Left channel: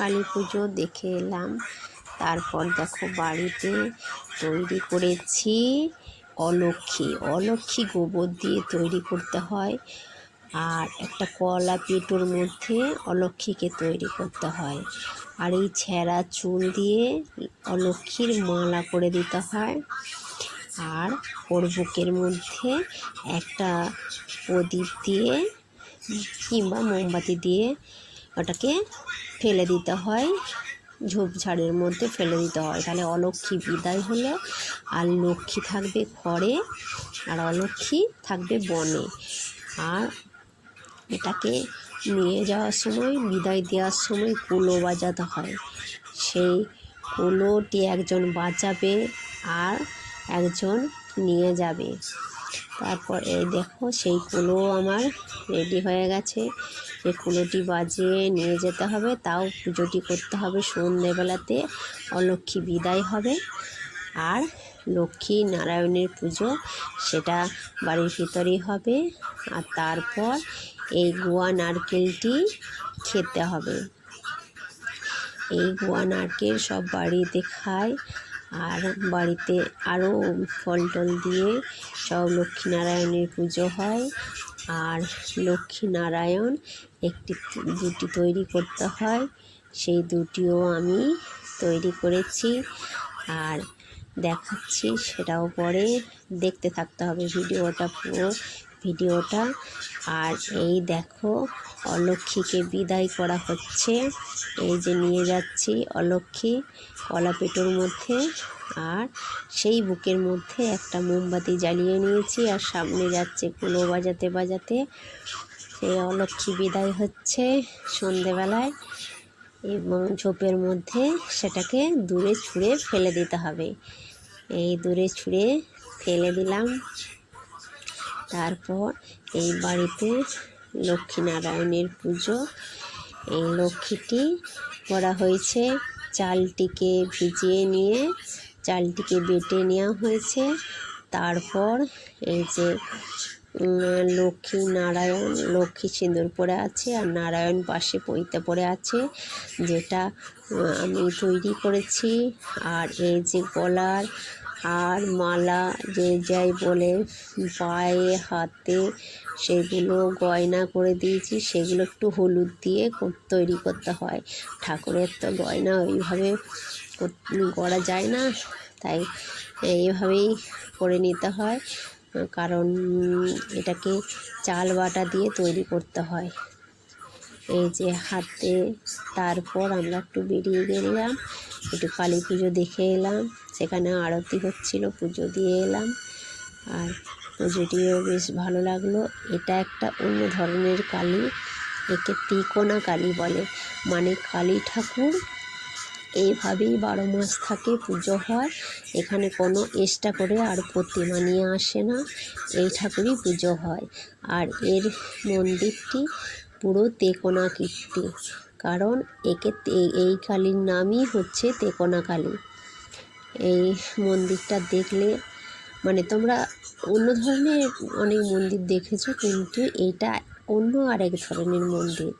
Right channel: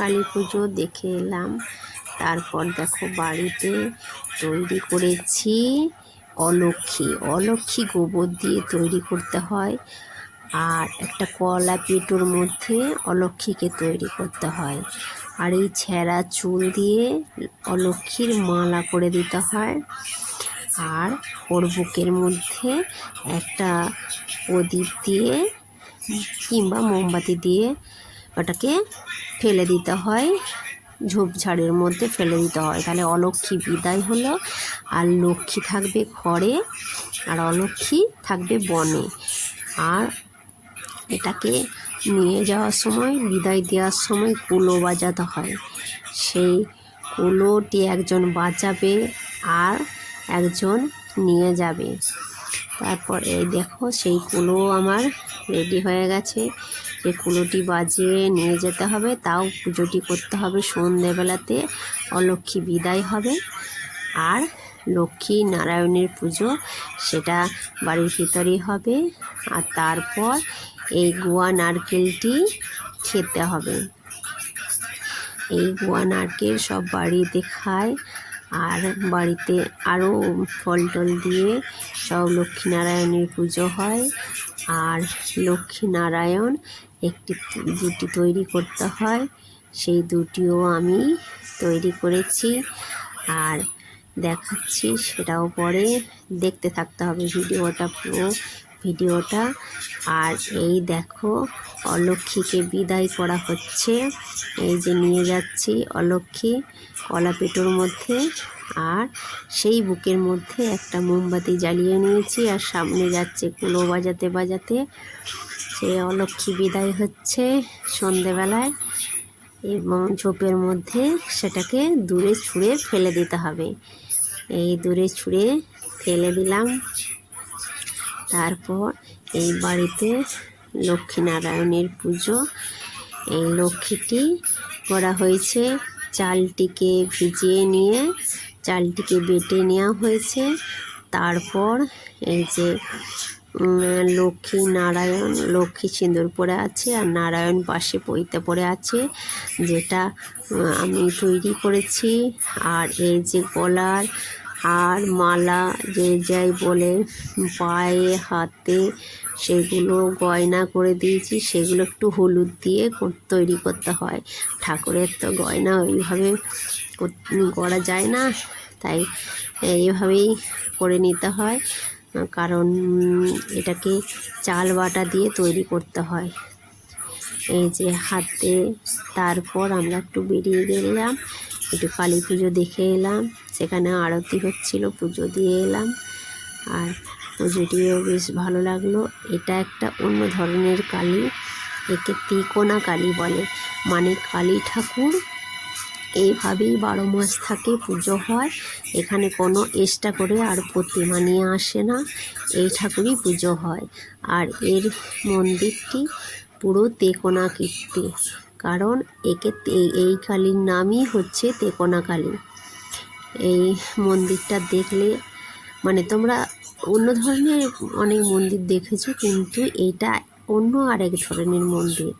কালী পুজো দেখে এলাম। তারপর দেখো বাড়িতে তৈরি করেছি অলক্ষী গোবর দিয়ে তৈরি করতে হয়। আর একটা কলা পেটোর মধ্যে অলক্ষীকে তৈরি করতে হয়। আর এই ছেঁড়া চুল দিয়ে অলক্ষীর মালা করে দিতে হয়। আর ওর বুকের মধ্যে একটা প্রদীপ দিয়ে কিংবা মোমবাতি দিয়ে ওটাকে ফেলে দিতে হয়, ঝোপঝাড়ের মধ্যে ফেলে দিতে হয়। তাহলে অলক্ষী বিদায় হলো, আর লক্ষ্মী থাকবে ঘরে আর অলক্ষী থাকবে বনে। আর এটাকে নিয়ে যাওয়ার সময়, বিদায় দেওয়ার সময় কুলো বাজাতে হয়। সেই কুলোটি একজন বাজাবে আর একজন নিয়ে যাবে। তারপর এই দেখো সেই কুলো আমার রেডি হয়ে গেছে। এই কুলোটি বাজিয়ে নিয়ে যেতে হবে, তাও পুজোটি করতে হবে সন্ধ্যেবেলাতে। অলক্ষী বিদায় হবে আর লক্ষ্মী নারায়ণের পুজো সেটা বাড়ির ভিতরেই হবে। আর তারপর এই গুয়া নারকেলটি খেতে হবে। এই গুয়া নারকেল সব বাড়িতে খায়। আর বাড়িতে আরও ফল টল দিয়ে সব লক্ষ্মীনারায়ণের পুজো হয়। আর লক্ষ্মীনারায়ণ দুটি তৈরি করতে হয়, সেই দুটিও আমি তৈরি করেছি আর দেখাচ্ছি, সেটাও পরে দেখতে থাকতে হবে ভিডিওটা, পুরো ভিডিওটা। আর এই দেখো অলক্ষীকে বিদায় করা হচ্ছে। এই যে নিয়ে যাচ্ছি অলক্ষী কলা পেটোর মধ্যে, আর সেই বুকের মধ্যে একটা মোমবাতি জ্বালিয়ে নিয়েছি। আর সামনে যাচ্ছে কুলো বাজাতে বাজাতে। সেই অলক্ষী বিদায় হচ্ছে সন্ধেবেলায়, এবং ঝোপের মধ্যে সেটাকে দূরে ছুঁড়ে ফেলে দিতে হবে। এই দূরে ছুঁড়ে ফেলে দিলাম। তারপর এই বাড়িতে লক্ষ্মীনারায়ণের পুজো। এই লক্ষ্মীটি করা হয়েছে, চালটিকে ভিজিয়ে নিয়ে চালটিকে বেটে নেওয়া হয়েছে। তারপর এই যে লক্ষ্মী সিঁদুর পরে আছে আর নারায়ণ পাশে পৈতে পড়ে আছে, যেটা আমি তৈরি করেছি। আর এই যে গলার আর মালা যে যাই বলে পায়ে হাতে সেগুলো গয়না করে দিয়েছি। সেগুলো একটু হলুদ দিয়ে তৈরি করতে হয়। ঠাকুরের তো গয়না ওইভাবে করা যায় না, তাই এইভাবেই করে নিতে হয়, কারণ এটাকে চাল বাটা দিয়ে তৈরি করতে হয়। এই যে হাতে। তারপর আমরা একটু বেরিয়ে গেলাম, একটু কালী পুজো দেখে এলাম। সেখানে আরতি হচ্ছিল, পুজো দিয়ে এলাম। আর পুজোটিও বেশ ভালো লাগলো। এটা একটা অন্য ধরনের কালী, একে তিকোনা কালী বলে। মানে কালী ঠাকুর এইভাবেই 12 মাস থাকে, পুজো হয়। এখানে কোনো এক্সট্রা করে আর প্রতিমা নিয়ে আসে না, এই ঠাকুরই পুজো হয়। আর এর মন্দিরটি পুরো তেকোনা কীর্তি, কারণ এই কালীর নামই হচ্ছে তেকোনা কালী। এই মন্দিরটা দেখলে, মানে তোমরা অন্য ধরনের অনেক মন্দির দেখেছো, কিন্তু এটা অন্য আরেক ধরনের মন্দির।